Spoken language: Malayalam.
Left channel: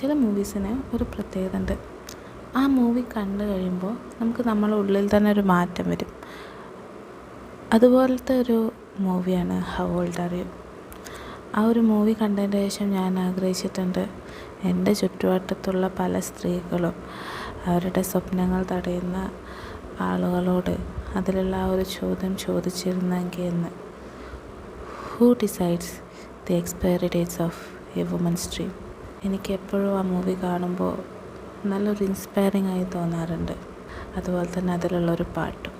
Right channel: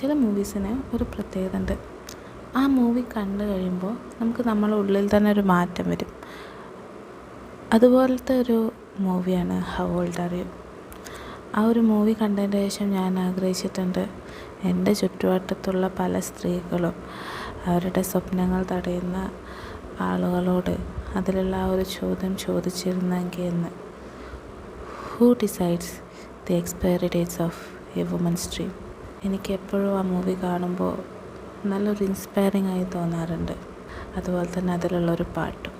ചില മൂവീസിന് ഒരു പ്രത്യേകത ഉണ്ട്. ആ മൂവി കണ്ടു കഴിയുമ്പോൾ നമുക്ക് നമ്മുടെ ഉള്ളിൽ തന്നെ ഒരു മാറ്റം വരും. അതുപോലത്തെ ഒരു മൂവിയാണ് ഹൗ ഓൾഡ് ആർ യു. ആ ഒരു മൂവി കണ്ടതിന് ശേഷം ഞാൻ ആഗ്രഹിച്ചിട്ടുണ്ട് എൻ്റെ ചുറ്റുവട്ടത്തുള്ള പല സ്ത്രീകളും അവരുടെ സ്വപ്നങ്ങൾ തടയുന്ന ആളുകളോട് അതിലുള്ള ആ ഒരു ചോദ്യം ചോദിച്ചിരുന്നെങ്കിൽ എന്ന്. Who decides the expiry dates of a woman's dream? എനിക്ക് എപ്പോഴും ആ മൂവി കാണുമ്പോൾ നല്ലൊരു ഇൻസ്പയറിംഗ് ആയി തോന്നാറുണ്ട്. അതുപോലെ തന്നെ അതിലുള്ളൊരു പാട്ടും.